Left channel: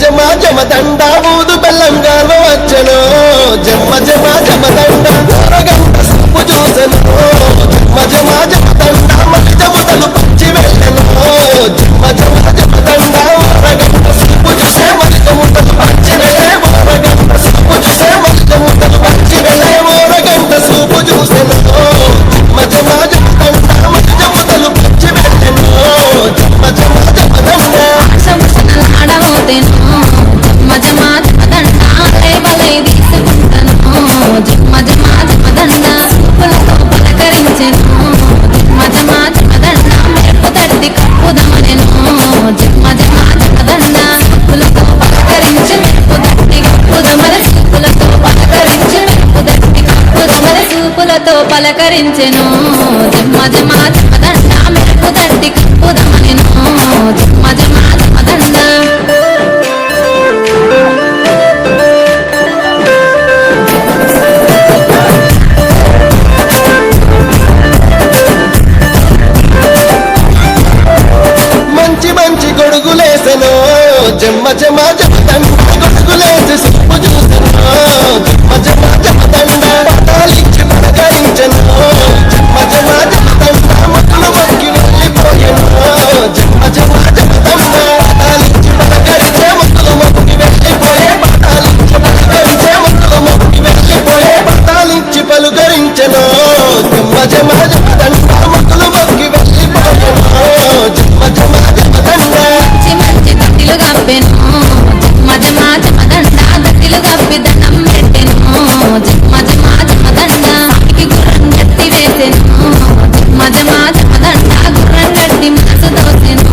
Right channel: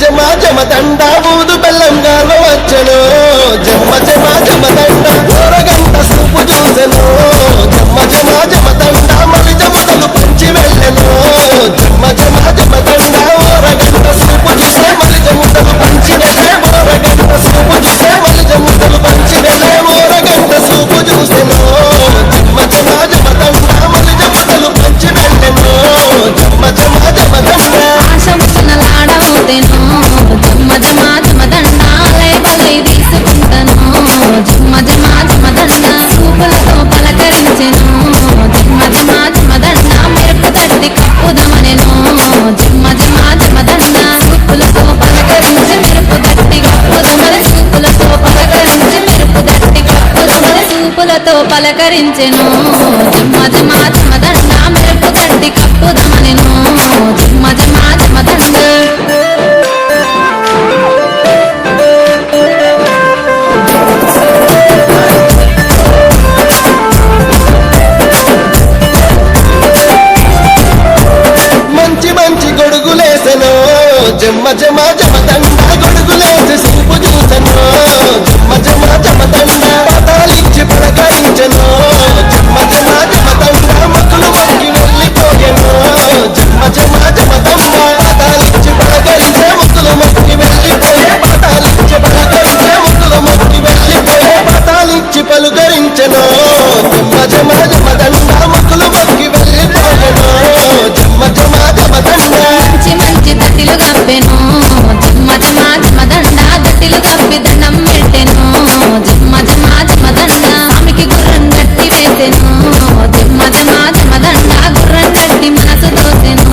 జమ జమ దండ ఊదు బెల్లం గాల వచ్చను జమ జమ జమ దండ ఊరగంట సూపు చూసెను జమ జమ జమ దండ మలి జముతలు పంచి వెళ్ళెను జమ జమ జమ దండ ఊరగంట సూపు చూసే మలి జముతలు పంచి వెళ్ళే ఊరగంట సూపు చూసే మలి జముతలు పంచి వెళ్ళే ఊరగంట సూపు చూసెను జమ జమ జమ దండ మలి జముతలు పంచి వెళ్ళెను జమ జమ జమ దండ ఆశముసనలాడబోతేను జమ్మ జమ జమ దండ బలై తీసుకుంటాను జమ్మ జమ జమ దండ సూపులతో పలకరించెను జమ్మ జమ జమ దండ మెరుపు తట్టి కప్పుదమనెను జమ్మ జమ జమ దండ సూపులతో పలకరించి మెరుపు తట్టి కప్పుదమన సూపులతో పలకరించి మెరుపు తట్టి కప్పుదమన సూపులతో పలకరించెను జమ్మ జమ జమ దండ మెరుపు తట్టి కప్పుదమనెను జమ్మ జమ జమ దండ మంచి మంచి గొడుగులేసెను జమ్మ జమ జమ దండ గొడుగులేసి సూపు చూసెను జమ్మ జమ జమ దండ పతాలిచ్చి పలకరించెను జమ్మ జమ జమ దండ మొక్కులు మొక్కి వెళ్ళిపోయెను జమ్మ జమ జమ దండ పతాలిచ్చి పలకరించే మొక్కులు మొక్కి వెళ్ళిపోయే పతాలిచ్చి పలకరించే మొక్కులు మొక్కి వెళ్ళిపోయే పతాలిచ్చి పలుకరించెను జమ్మ జమ జమ దండ మొక్కులు మొక్కి వెళ్ళిపోయెను జమ్మ జమ జమ దండ మంచి మంచి దట్టిలు గప్పెను జమ్మ జమ జమ దండ దట్టిలు గప్పి దండం పెట్టెను జమ్మ జమ జమ దండ స్వామికి గుర్రం గట్టి వేసెను జమ్మ జమ జమ దండ గుర్రం గట్టి మనసు దోసెను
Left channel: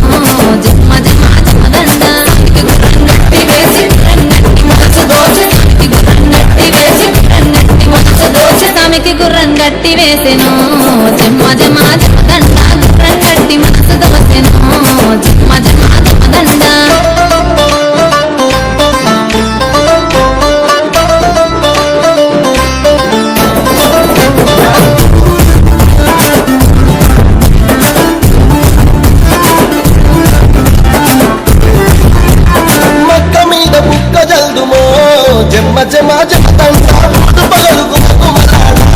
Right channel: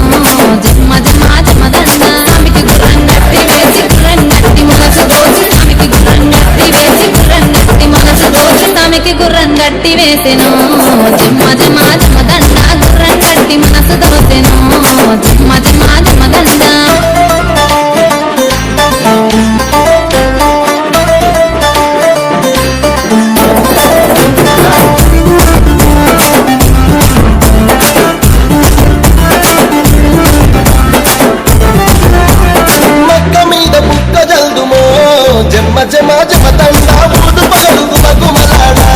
జమ్మ జమ జమ దండ స్వామికి గుర్రం గట్టి వేసి గుర్రం గట్టి మనసు దోచి స్వామికి గుర్రం గట్టి వేసి గుర్రం గట్టి మనసు దోచి స్వామికి గుర్రం గట్టి వేసెను జమ్మ జమ జమ దండ గుర్రం గట్టి మనసు దోసెను జమ్మ జమ జమ దండ మక్క మీద బుక్క జల్దుమో జమ్మ జమ జమ దండ ఊదు పగలు గుమగుమలాడా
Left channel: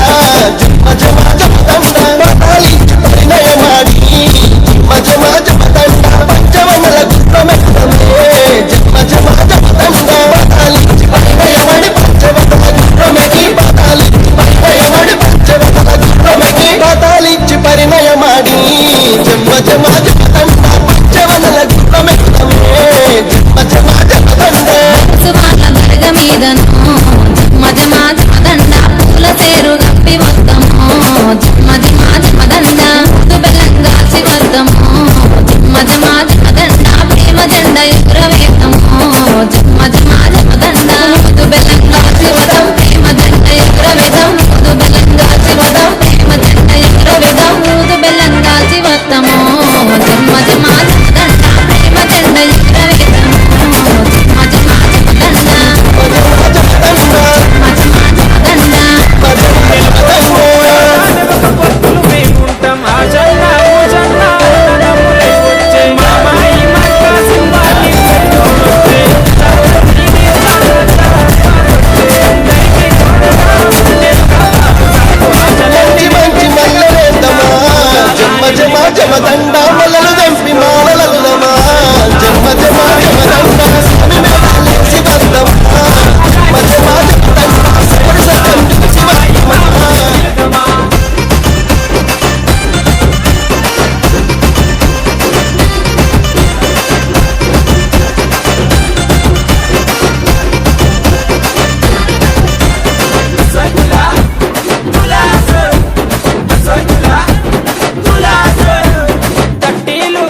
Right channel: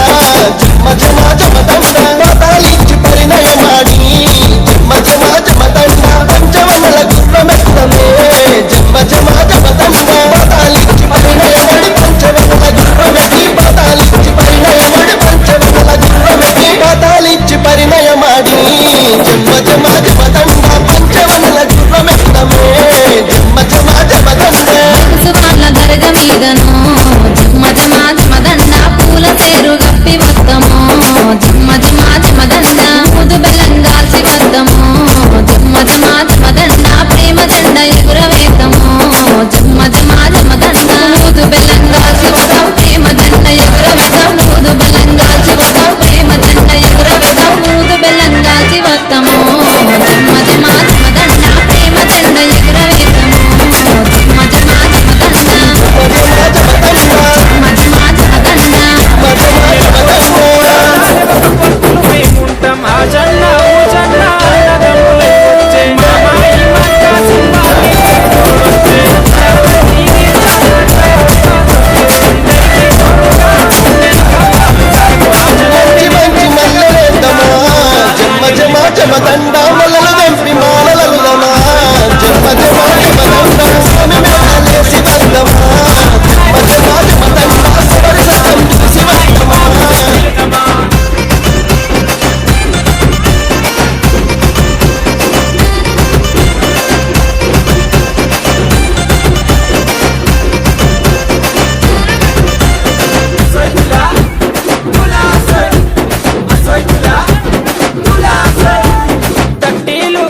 జమ్మ జమ జమ దండ పతాలిచ్చి పరిణయమాడి జమ్మ జమ జమ దండ పంచవనల గుర్రమెక్కమే జమ్మ జమ జమ దండ పతాలిచ్చి పరిణయమడి పంచవనల గుర్రమెకి పతాలిచ్చి పరిణయమడి పంచవనల గుర్రమెకి పతాలిచ్చి పరిణయమాడి జమ్మ జమ జమ దండ పంచవనల గుర్రమెక్కమే జమ్మ జమ జమ దండ వాళ్ళ దర్గ మీదను జమ్మ జమ జమ దండ పూల సేరు గప్పి వద్దము జమ్మ జమ జమ దండ ముదు బెల్లం గాల్చి వద్దము జమ్మ జమ జమ దండ ప్రేమ జెండ ఎగురవేతము జమ్మ జమ జమ దండ ముదు బెల్లం గాల్చి వదం ప్రేమ జెండ ఎగురవేదం ముదు బెల్లం గాల్చి వదం ప్రేమ జెండ ఎగురవేదం ముదు బెల్లం గాల్చి వద్దము జమ్మ జమ జమ దండ ప్రేమ జెండ ఎగురవేతము జమ్మ జమ జమ దండ జమ జమ దండ జమ్మ జమ జమ దండ పొత్తులు మేముంటాం ఆ జన్న ఊ జన్న అన్నదమ్ములై వచ్చే మామాయి మక్క సింబాలి తోడొచ్చే ఇది అందరికీ తోడుగా నేను కావాలి సాగు ఆ మంచి మంచి మల్లెలేద్దామా జమ్మ జమ జమ దండ మల్లలు దంపి మాలలలుదమా జమ్మ జమ జమ దండ స్వామి మేళలేసి వద్దమా జమ్మ జమ జమ దండ సరి సత్యం చూసి వద్దమా తట్టీలు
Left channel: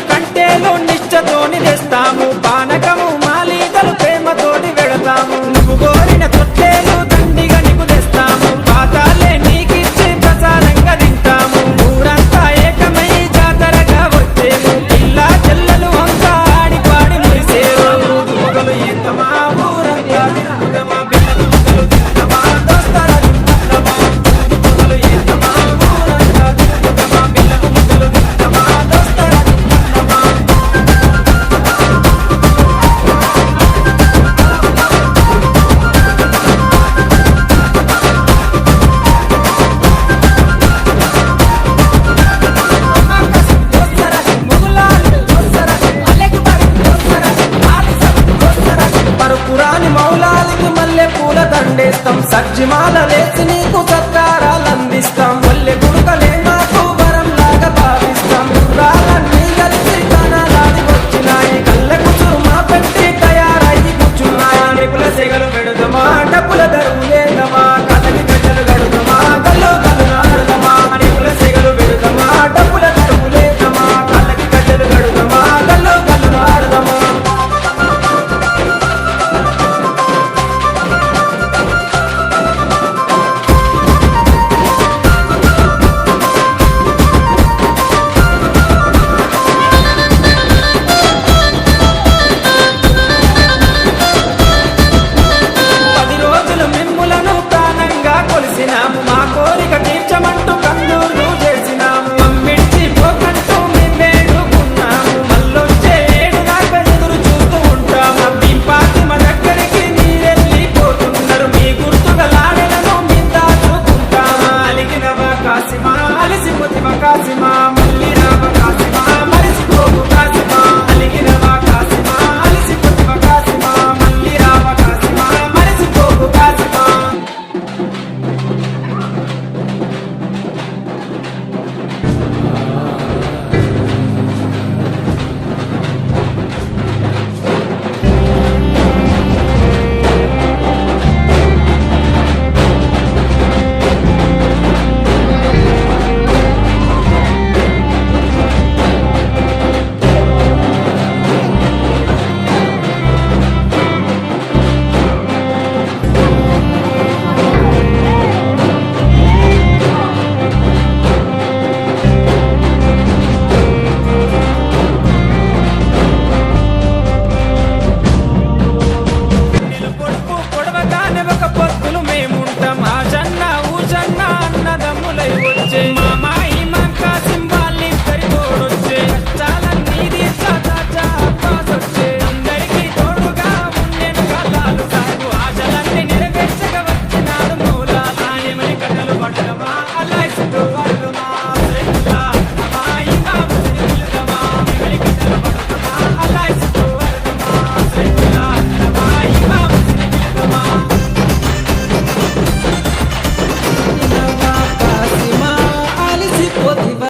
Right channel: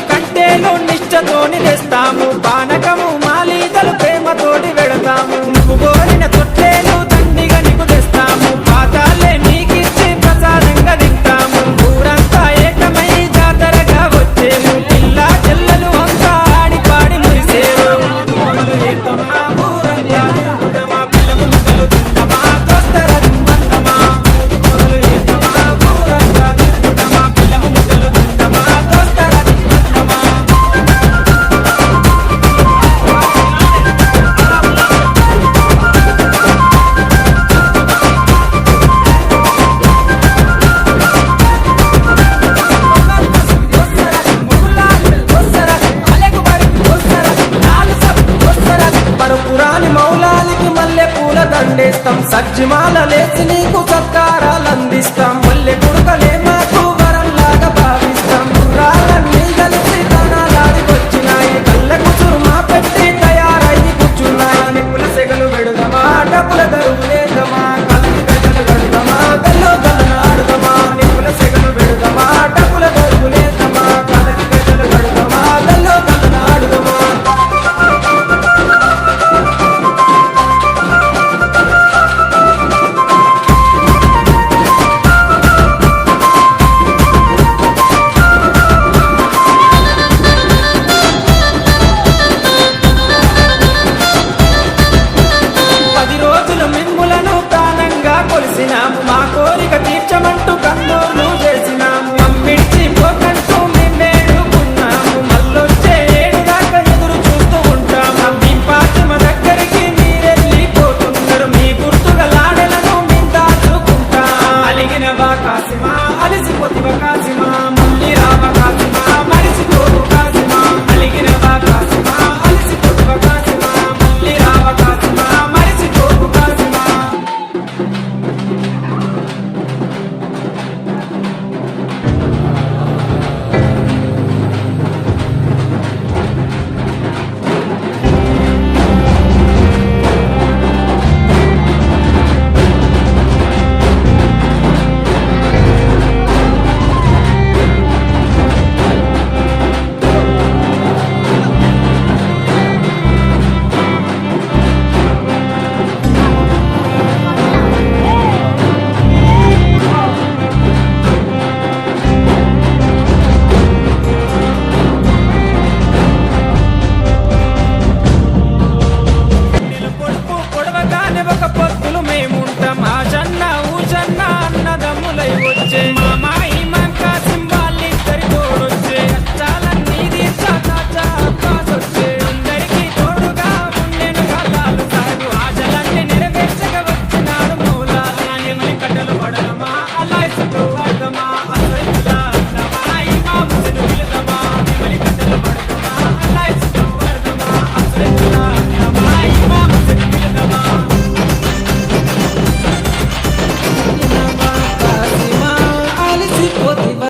సజ్జిమాలలేసి నీకు సత్కారాలు అందిస్తాం ఒల్లె గుడుకలే మాకు వరంలాగా భావిస్తాం గుర్రాలన్నీ కలిసి కణాలాడి వచ్చినాయి కళ్ళ కుసురు మా పెట్టి తయారయ్యి కూర్చున్నాయి నిపుల సెగలు పెడుదమా డబ్బుల దరువులేదమా కలలి గజలు గడుదమా కళ్ళు కలనాడుదమా నిపుల సెగలు పెడుదమా డబ్బుల దరువులేదమా కలలి గజలు గడుదమా కళ్ళు కలనాడుదమా పది రోజులు మిమ్ములను ప్రాణంగా కొలిసినాము మా కోరిక తీర్చమంటూ కందూర్లు చేసినాము మమ్మిడిచి పోకంటూ మేమేడుకున్నాము మళ్ళొచ్చే ఏడు దాకా ఎదురు చూస్తూ ఉంటాము భీంపాతిమ దగ్గరికి మీరెళ్ళిపోతున్నారు మీ గుర్తుగా లాడెలను మేము దాచుకుంటాము అలిగిన కాసిమా అలిసిపోతివ కాసిమా మళ్ళీ రావ కాసిమా మరిసిపోవు కాసిమా అలిగిన కాసిమా అలిసిపోతివ కాసిమా మళ్ళీ రావ కాసిమా మరిసిపోవు కాసిమా నిలు పొడుపు పొడవగానే ఒక పొత్తులు మేముంటాం ఆ జన్న ఊజన్న అన్నదమ్ములై వచ్చే మామాయి మంకా సింబాలిద్దరి తోడొచ్చే కష్టాలన్నీ తీర్చా చాచా అబ్బాస్ వచ్చే అందరికీ తోడుగా ఉండెను కల్లాలు సాగు ఆశలన్నీ నెరవేర్చగా వచ్చినాడు మౌలాలి ఏమని కట్టలు పడదమా అలా ఇసుకోవాలమా ఇంకా ముసలిదమా ఏమని కట్టలు పడదమా అలా ఇసుకోవాలమా ఇంకా ముసలిదమా కాసిమా అలిసిపోతివ